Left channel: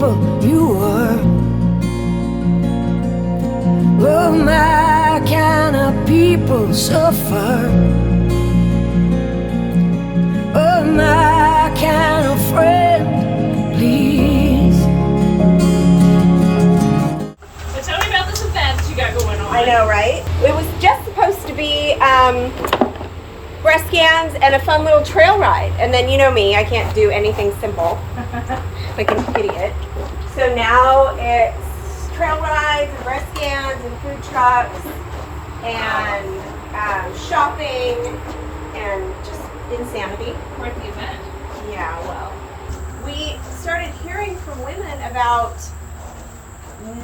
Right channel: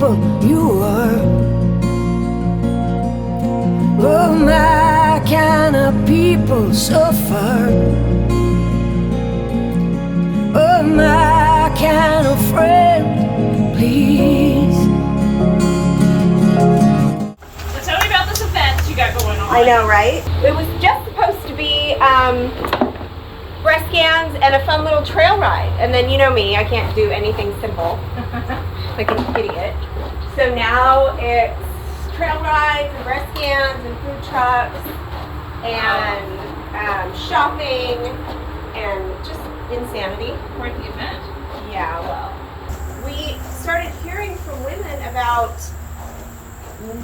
people you were. Oh, my kind of people suffer. Oh, my kind of friend, please. So tell me about this event that you got going on. I know, right? It was just supposed to be breast scans and a fun little trail ride. And then you know me, I can't do anything simple. Like an idiot. So now it's trail rides and breast scans and food trucks and shopping and just insanity. Quite the event. Yeah, well, we started hearing from women about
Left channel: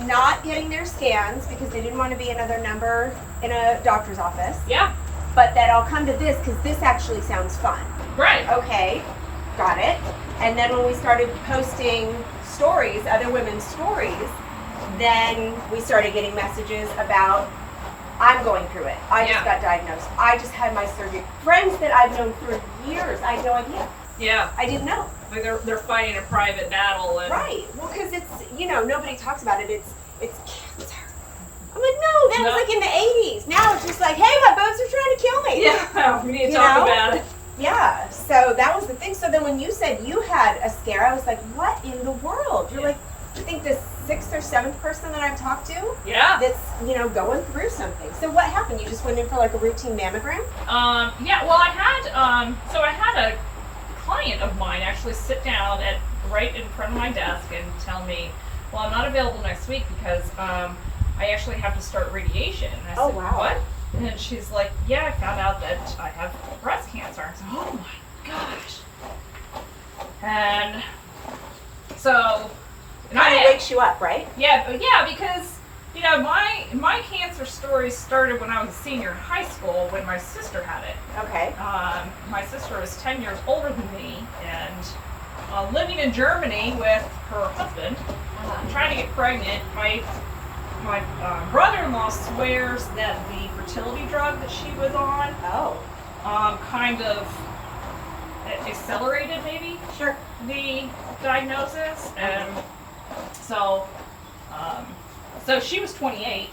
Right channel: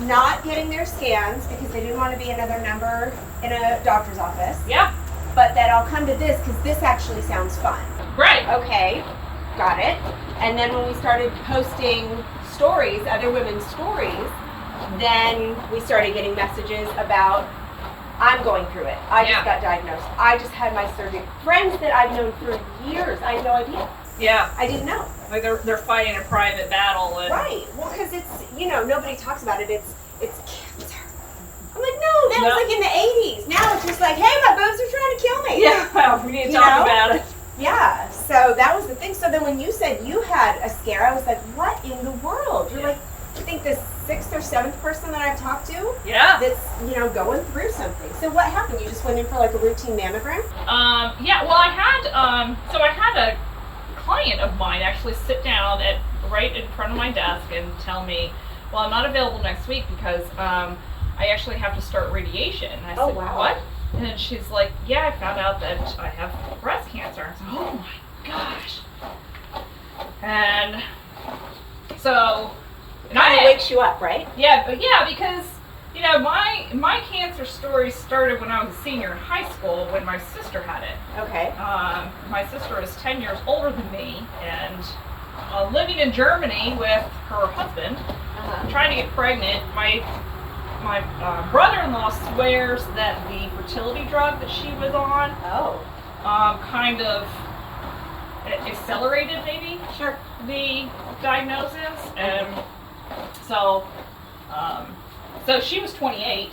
not getting their scans because they didn't want to be another number in a doctor's office. Yeah. But that I'll come to this because this actually sounds fun. Right. Okay, got it. And then when we started posting stories, other women's stories, then we started getting messages about, I'm going through it. I just got diagnosed. I just had my surgery. Friends that I've known for years, I had no idea. Yeah. I didn't know. Like they're fighting a private battle. And Right. Well, because it's, you know, nobody talks about it. It's cancer. I'm like, no, that was like in the 80s. Now it's just like, hey, my boobs are trying to kill me. Yeah, we need to talk about it. Yeah, so that was the thing. So then when you said you had a scare, I was like, what in the world? You're like, I think the 6th or 7th person that I've talked to that's, you know, going through something. So what happened? You just went in for like a routine mammogram? Yeah, well I had a client of mine actually sit down right in front of my desk and tell me, well, I'm not available next week because I actually have to start radiation. And I said, wow. What? And she's like, yeah, I found out that I have breast cancer. I said, oh my gosh. And so Kind of wakes you up, right? Yeah, because you know my cancer story started when I was a senior in high school when my sister had it. Okay. My sister is 10 years older than me and living in Germany with her husband, trying to get pregnant. My brother-in-law swears that the fertility drug that she was on kind of accelerated maybe the diagnosis, and so she was 28.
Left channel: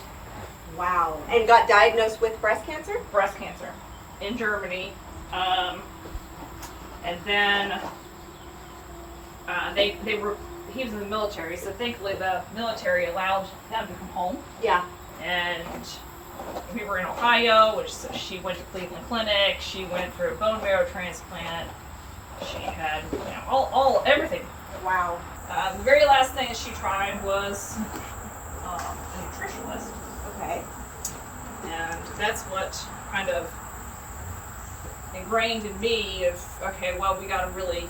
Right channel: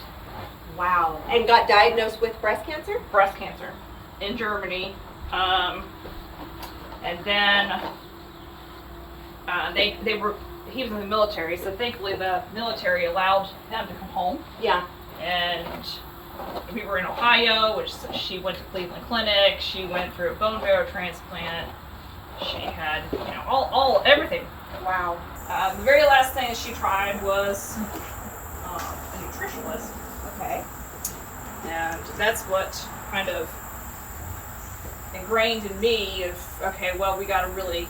Wow. And got diagnosed with breast cancer? Breast cancer in Germany, and then he was in the military, so thankfully the military allowed them to come home. Yeah. And we were in Ohio, which she went to Cleveland Clinic. She went through a bone marrow transplant. She had, you know, everything. Wow. The very last thing that she tried was a nutritionist. Okay. And that's what kind of ingrained in me of, okay, well, we got to really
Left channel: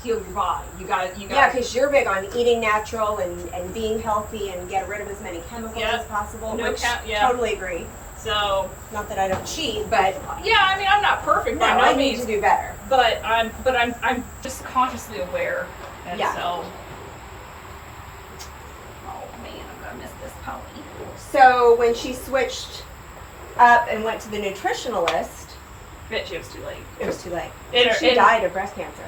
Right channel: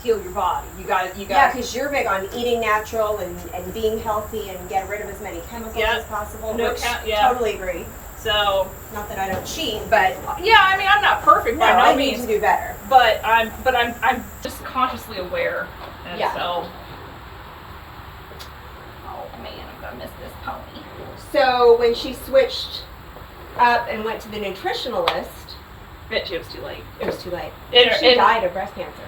heal your body. You got. Yeah, because you're big on eating natural and being healthy and get rid of as many chemicals as possible. Totally agree. So, not that I don't cheat, but yeah, I mean, I'm not perfect by no I means. need to do better. But I'm just consciously aware, and so. Oh man, I'm gonna miss this pony. So when she switched up and went to the nutritionalist, it was too late. It was too late. She died of breast cancer.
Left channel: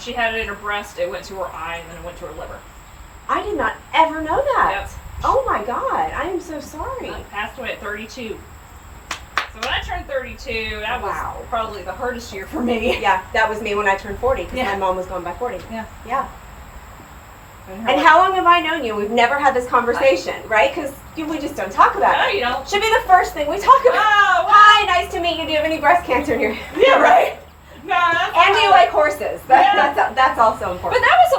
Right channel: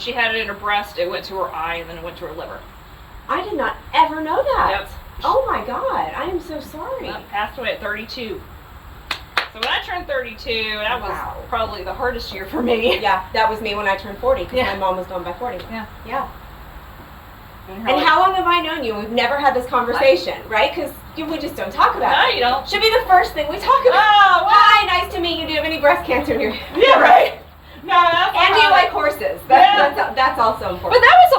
She had it in her breast. It went to her eye, and then it went to her liver. I did not ever know that. Yep. Oh my God, I am so sorry. Passed away at 32. So when I turned 32, that was probably the hardest year for me. Yeah, that was me when I turned 40, because my mom was gone by 40. Yeah. Yeah. And how long have I known you? We've never had this conversation, right? Because we just don't talk about it. No, you don't. Should be the first thing we talk about. Oh, well. Hi, nice to meet you. Do you have any breast cancer in your Yeah, right. No, and do you like horses? That's also important. But that was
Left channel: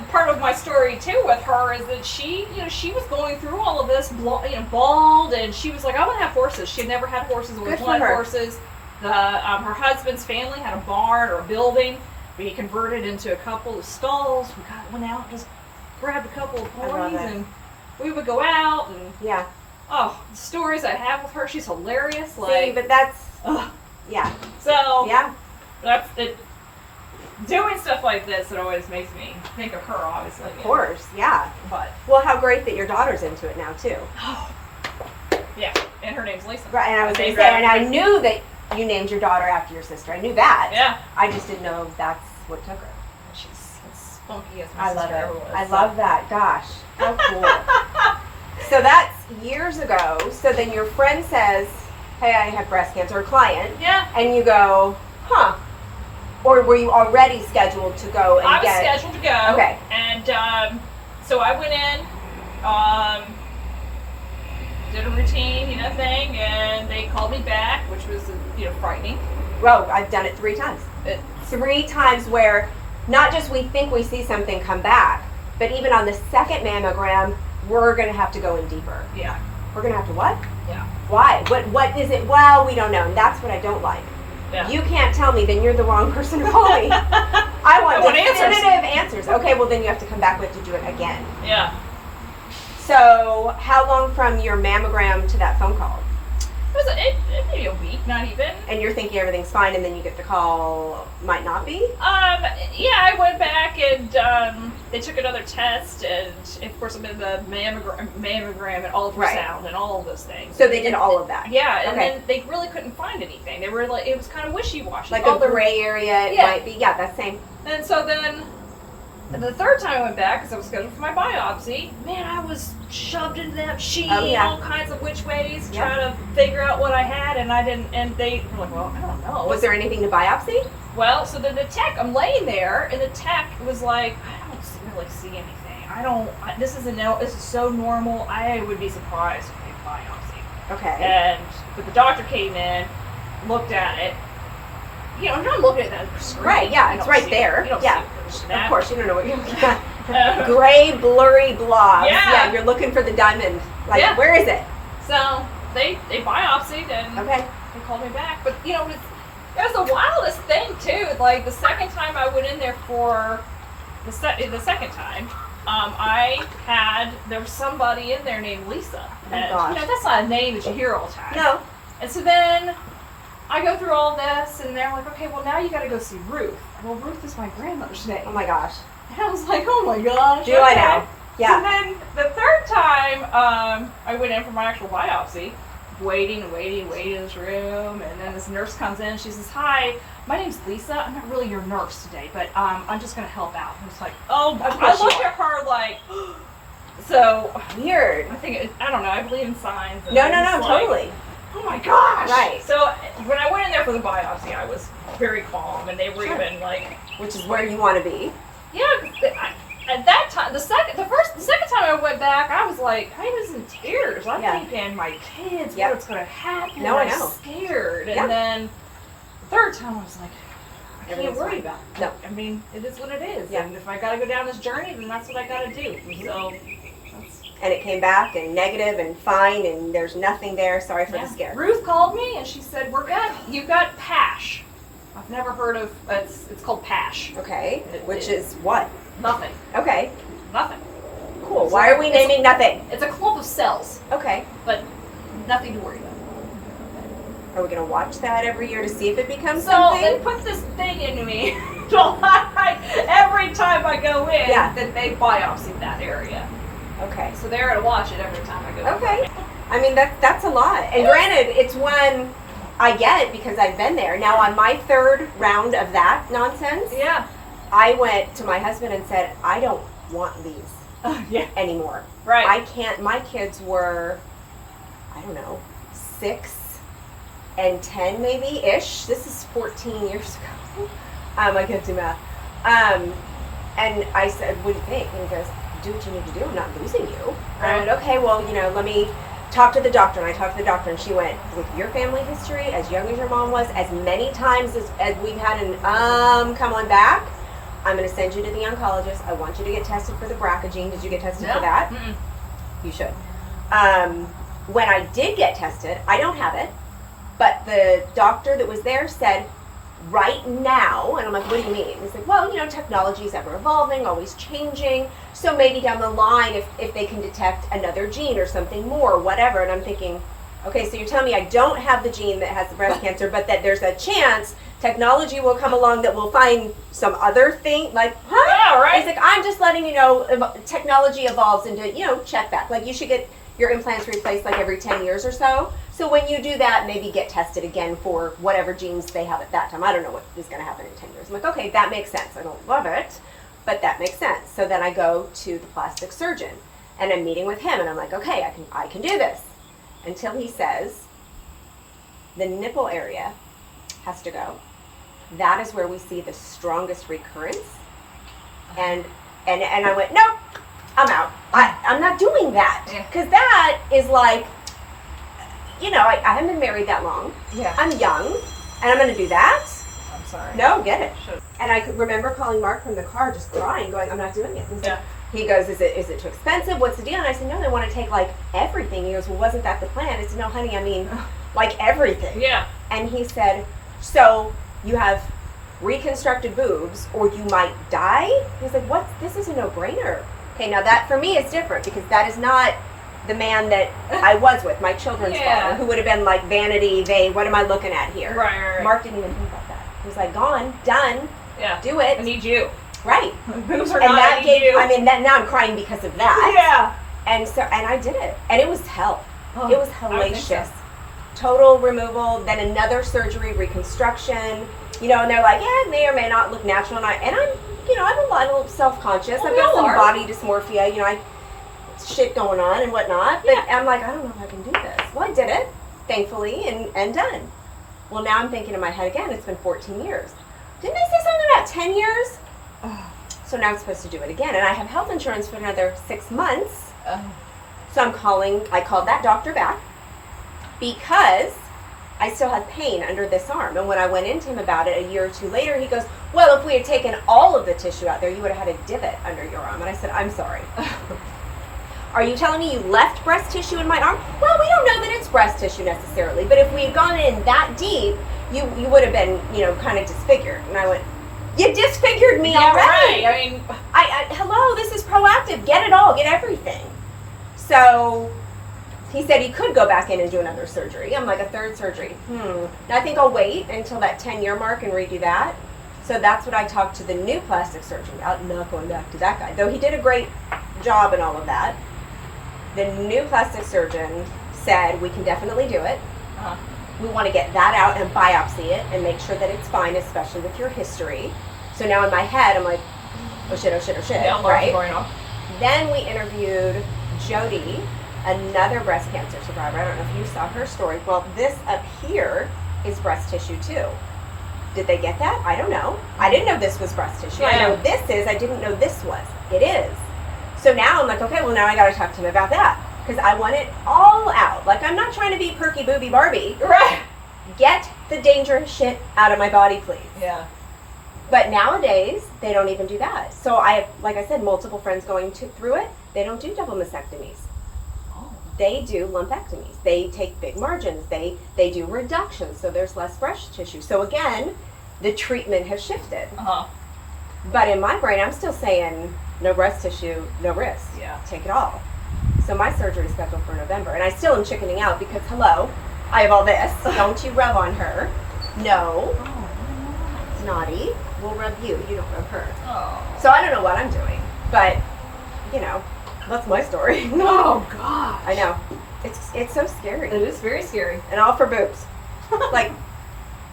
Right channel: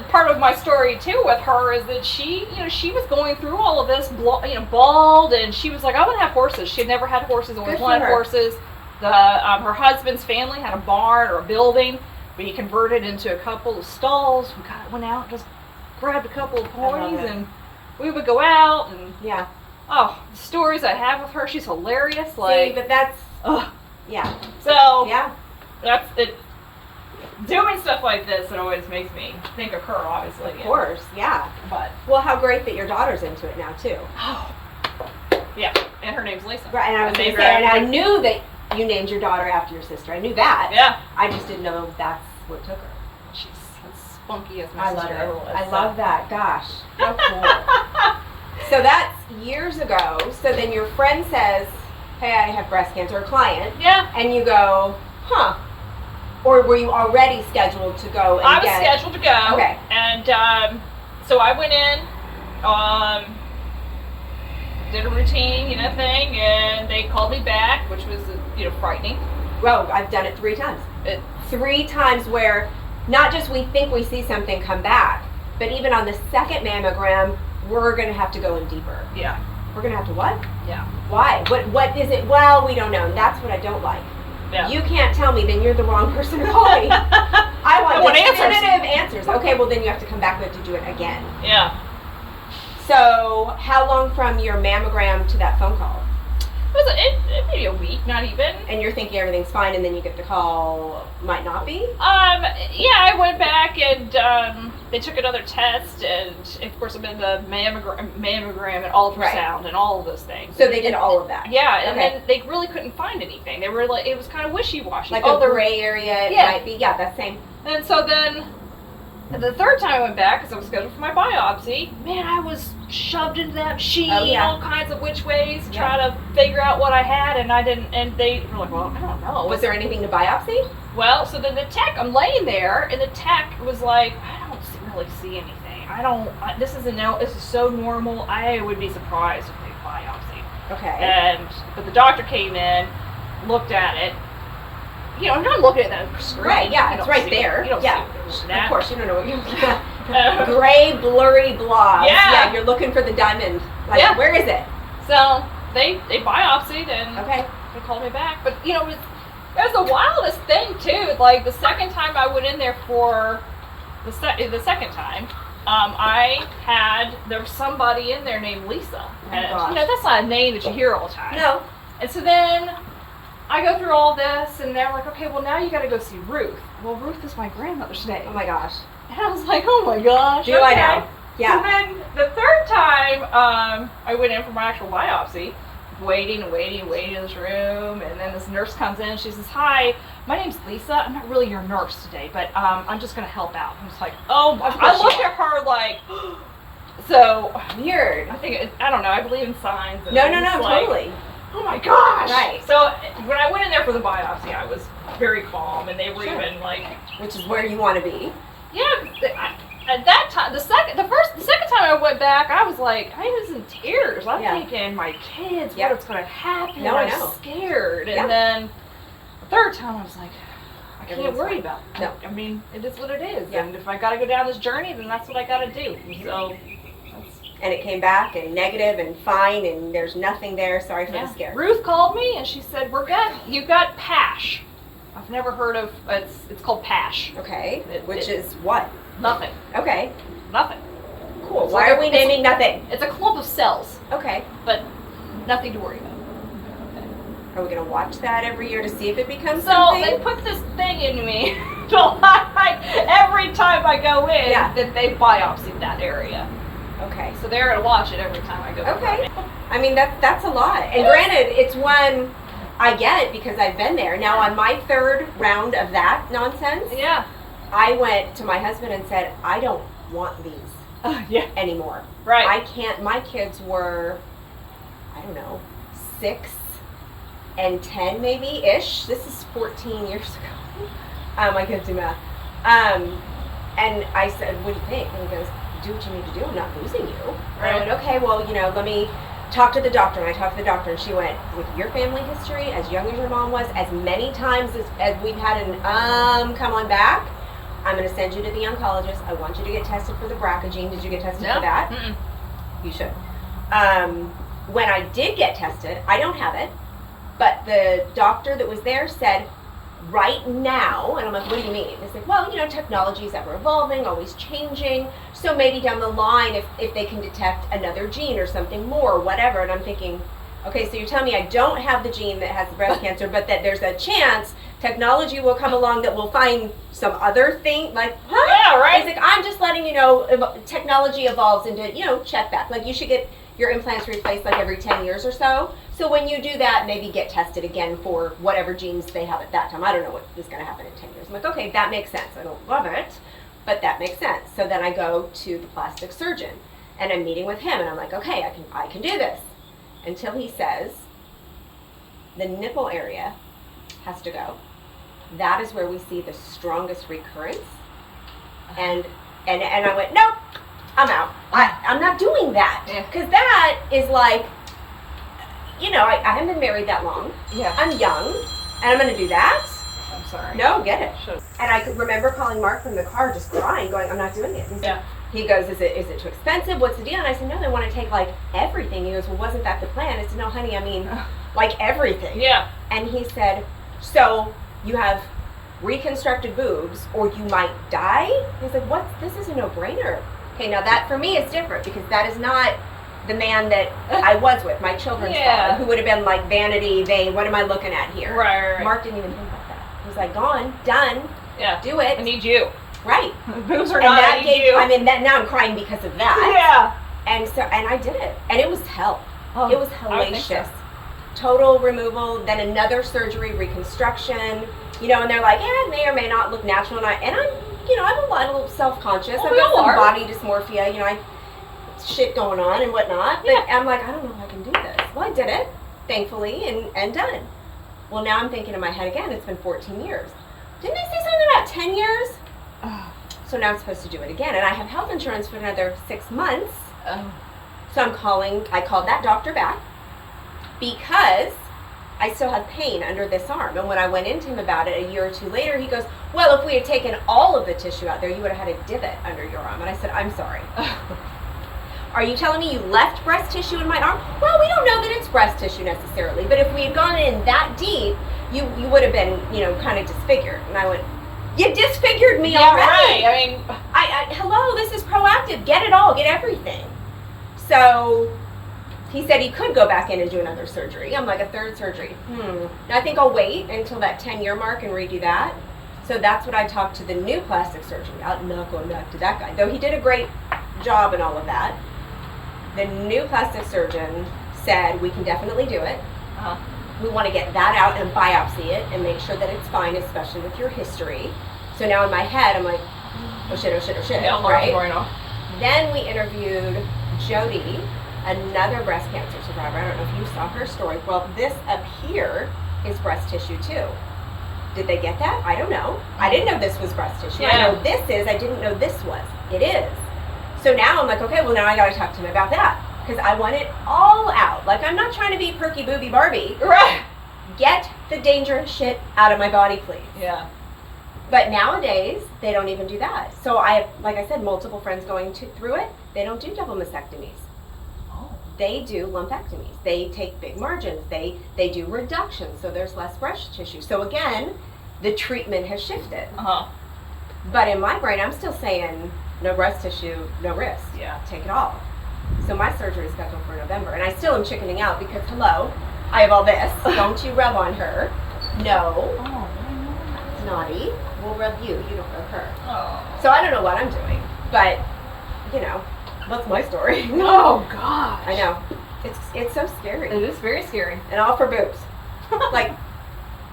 a part of my story too with her, is that she was going through all of this, bald, and she was like, I want to have horses. She had never had horses, always wanted horses. Her husband's family had a barn or a building, but he converted into a couple of stalls. We went out and just grabbed a couple of ponies, and we would go out and the stories I have with her, she's hilarious. See, but that's yeah. So yeah, that's it. Doing stuff like this, it always makes me think of her, obviously. Of course, yeah. But well, how great that your daughter's into it now too. Yeah, and her name's Lisa. Right, and I was going to say, and I knew that you named your daughter after your sister. I knew that. Yeah. I just didn't know that's what took her. funky as my I love sister ever was. it. I so. love that. Gosh, how cool. So that's years ago. So then your friend says, hey, I have breast cancer, a client. Yeah. And you go, huh. Or were you already scheduled to go and I was scheduled to go. Okay. And so I went in, did a routine, thing, and they called me back, which was, frightening. Bro, I've done it 3 times. It, 3 times where not just we think we see something come back, but even on the second mammogram, we're going to have to go in deeper. yeah. We're going to have to what? Yeah. Why? What is it? Well, we don't know. And that's what I don't like. Yeah. You can't tell me, then you're the wrong person to call me. I want answers. definitive answers. Okay, well then you have to come back. We have to do it again. Yeah. So, how long from your mammogram to that phone call? It maybe a week, not even. And you're thinking everything's fine, and then you get the call, might not be? Yeah, I went back and they took another test, and of course I'm in the mammogram and ultrasound and all of those things. So they did all of that? Yeah, and Okay. then they really couldn't find anything. They were like, it was kind of wishy-washy. Like Oh, a there- gray area, it Yeah. might be. Yeah, that's same. And so then, the third time I went back, because I was scheduled for my biopsy, man, I was shoved into that machine Oh, yeah. all kinds of which ways, Yeah. trying to figure out what I had, and I didn't, and they were like, well, I don't know. Was there anything to biopsy? Well, so then the tech, I'm laying there, and the tech was like, I don't really see anything. This is so normal. I would be surprised if they biopsy. Okay. But the doctor came in, looked at it. I'm not looking at that screen. Right, yeah, You it's don't right see- there. You don't Yeah. see Of that. course, you don't know what you're looking at. Uh, Gray, blurry blobs. Yeah. You're looking for the diamond. Like, Yeah. where is it? So they biopsied and Okay. they called me back. But it was the wildest thing too. Like the second time I went in there for the second time, there was somebody in there named Lisa. Oh, And gosh. that's not a name that you hear all the time. No. And so then I go through all this, and they're like, okay, well now you got to go see Ruth. Well, Ruth is my grandmother's name. Oh my gosh. And I was like, oh my gosh. Do I okay. know? Yeah. So then the third time I went in for my actual biopsy, waiting in this room, and then this nurse comes in. She says, hi, my name's Lisa. I'm not really your nurse today, but I'm just going to help out. I'm just like, oh my. Of course I you looked are. at her like, so Weird. I think, I don't know, I believe in signs. And No, I'm no, just no, like, totally. oh my gosh. Right. So when I went in there for the biopsy, I was very calm, and they were Sure. even like, Which is where you want to be. yeah, 'cause at that time, the second time I went back, I was like, I was in tears. I'm Yeah. thinking, my kids, Yep. what's going to happen? No, I I'm know. scared. And Yeah. then the third time, I was like, I can't Everything's worry fine. about it. No. I mean, it is what it is. Yeah. And if I got to go down this journey, then that's what I got to do. So, that's, And it came back and negative and fine and there's nothing there. Sorry for yeah. the scare. Ruth called me and she said, we're good. You've got PASH. I've never heard of, it's called PASH. Okay. It- Which it- is what? Nothing. Okay. Nothing. Cool. It's Why like are we it's- naming nothing? It's a clump of cells, Okay. but nothing to worry about. Are we going to watch that every year to see if it becomes So something? they put this thing in me every time I go in, Yeah. that they biopsied that area. Okay. So they're gonna watch it every time I go. Okay. I mean, that's a lot. And granted, it's one, I get it because I've been there. Now, on my third round of that nonsense, Yeah. I went to my husband and said, I don't want these Yeah. anymore. Right. I can't, my kids were, I don't know, 6 and 10 maybe-ish. This is 14 years ago. I can't do math. And I said, what do you think? And he goes, do what you need to do. I'm not losing you. And I went, okay, well, let me talk to the doctor. And I talked to the doctor, and she went, with your family history, as young as your mom was, as many times as we've had an come on back, I'm going to send you to the oncologist. I want you to get tested for the BRCA gene. Did you get tested for that? Mm-mm. You should. When I did get tested, I don't have it, but the doctor that was there said, right now, and I'm like, what do you mean? He's like, well, technology is ever evolving, always changing, so maybe down the line, if they can detect another gene or something more, whatever. And I'm thinking, okay, so you're telling me I don't have the gene that has the breast cancer, but that there's a chance technology will come along that will find some other thing, like, huh? Yeah, right. He's like, I'm just letting you know, technology evolves into, check back. Like, you should get your implants replaced like every 10 years or so. So when you do that, maybe get tested again for whatever genes they have at that time. I don't know what is going to happen in 10 years. I'm like, okay, that makes sense. I don't love it, but that makes sense. So then I go to the plastic surgeon, and I'm meeting with him, and I'm like, okay, I can do this. Until he says, the nipple area has to go. That is where we see the strongest recurrence. And I went, no, I'm out. I'm not doing that. Because that is like, you know, I haven't been married that long. Yeah. I'm young, and I'm going to do that. I'm sorry. No, get it. Should've- And I could remember calling Mark from the car, just crying, going, I'm not doing it. And so Yeah. he goes, is it too expensive? What's the deal? And I said, no, they want to take like everything. He goes, well, wasn't that the plan? I said, no, honey, I mean, like everything. Yeah. And he said, so you have reconstructed boobs or you might die? He said, what? This is a no-brainer. Okay, now that for me is different because that is not the man that I was with, my children's Yeah. father, who would have been like vanity, vain, what am I looking at here? Right. Mark didn't even think about that. He was like, gone, done, Yeah. do it. I need you. Right. Boobs are And not. I that need gave, you. I mean, that, now I'm crying because of that. Yeah. And so, and I did it. And it was hell. Oh, It was I would think so. hellacious. Total removal, then another surgery, reconstruction, you know, and they're like, yeah, it may or may not look natural. And I'm, you know, I'm a little self-conscious. Well, I've we got all some are. body dysmorphia, you know, shit going on and whatnot. But Yeah. I'm like, I don't know if I can do this. Well, I did it, thankfully, and done. Well, now I'm thinking in my head again, it's been 14 years. Didn't I say something about 10 years? So now I'm supposed to do it again. And I have health insurance for another 6 months. Oh. So I called that doctor back because I still had pain under this arm. And when I went into him about it a year or two later, he goes, well, if we had taken all of the tissue out there, you would have had a divot under your arm. And I said, I'm sorry. Are you telling me you left breast tissue in my arm? Well, we don't know that it's breast tissue necessarily, but if we had gone in that deep, you would have been, you know, kind of disfigured. And I went, you disfigured me Yeah, already. right. I mean, Hello, this is proactive. Get it all, get everything. So he said he could go back in and do another surgery. I'm like, a third surgery. Now I think I'll wait until that 10-year mark and redo that. So that's what I talked to the new plastic surgeon about, not going back to that guy. Though he did a great job and all of that. The new plastic surgeon said we can definitely do it. uh-huh. We want to get that out and biopsy it and make sure that it's fine, especially with your history. So now in my head, I'm like, oh shit, oh shit, oh shit. Yeah, alarms right? going off. Then we interviewed Jody, another breast cancer survivor. I don't know if you saw her story. Well, this up here is breast tissue too. Did they get that? I don't know. I didn't know this was breast tissue. I Yeah. know this is. I didn't know this was. It is. So now I'm like, okay, well now I got to talk to him about that because I want it all out. Like I'm not trying to be perky booby Barbie. Right. Get the dangerous shit out of my body, please. Yeah. But nowadays, they don't even do that. So I have, like I said, multiple friends going through it. They don't do double mastectomies. Oh. They do lumpectomies. They take big margins. They do reductions, so there's less breast tissue. So again, the treatment has shifted. Uh-huh. But in my brain, I'm still saying no breast tissue, no risk. Yeah. Take it all. So my surgery is scheduled for November, and I still am chickening out because hello, I have all this. Don't you rub on her? No, Oh, why naughty. We'll rub you. You don't rub her. not? Oh. So I don't know what I'm doing, but you know, that's my story. Oh gosh. I know. It's so scary. It is very scary. And all for boobs. Like,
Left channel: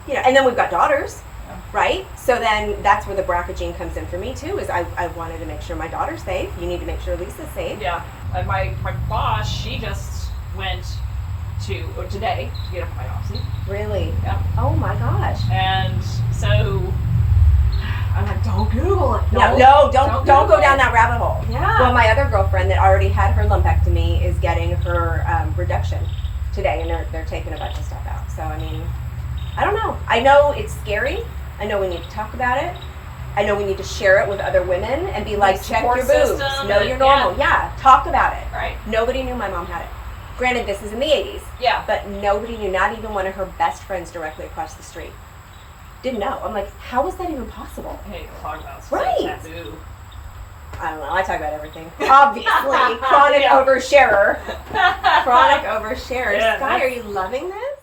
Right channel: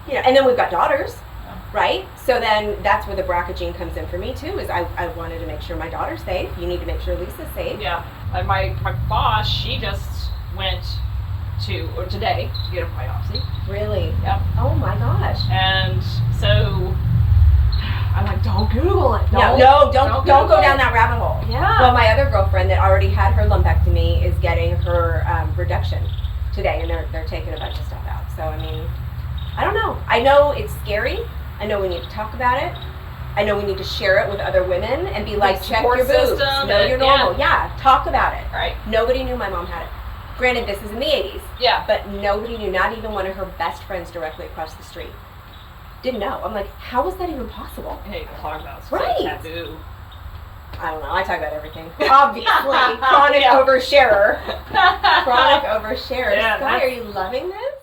you know, and then we've got daughters, Yeah. right? So then that's where the BRCA gene comes in for me too, is I wanted to make sure my daughter's safe. You need to make sure Lisa's safe. Yeah. And my boss, she just went today to get a biopsy. Really? Yep. Oh my gosh. And so I'm like, don't Google it. No, don't Google go it. down that rabbit hole. Yeah. Well, my other girlfriend that already had her lumpectomy is getting her reduction today, and they're taking a bunch of stuff out. So I mean, I don't know. I know it's scary. I know we need to talk about it. I know we need to share it with other women and be like, check support your boobs, system know and- you're normal. Yeah, talk about it. Right. Nobody knew my mom had it. Granted, this is in the 80s, Yeah. but nobody knew. Not even one of her best friends directly across the street didn't know. I'm like, how was that even possible? Hey, talk about Right. taboo. I don't know. I talk about everything. Obviously, chronic Yeah. oversharer. Chronic oversharer. Yeah, Sky, that's- are you loving this?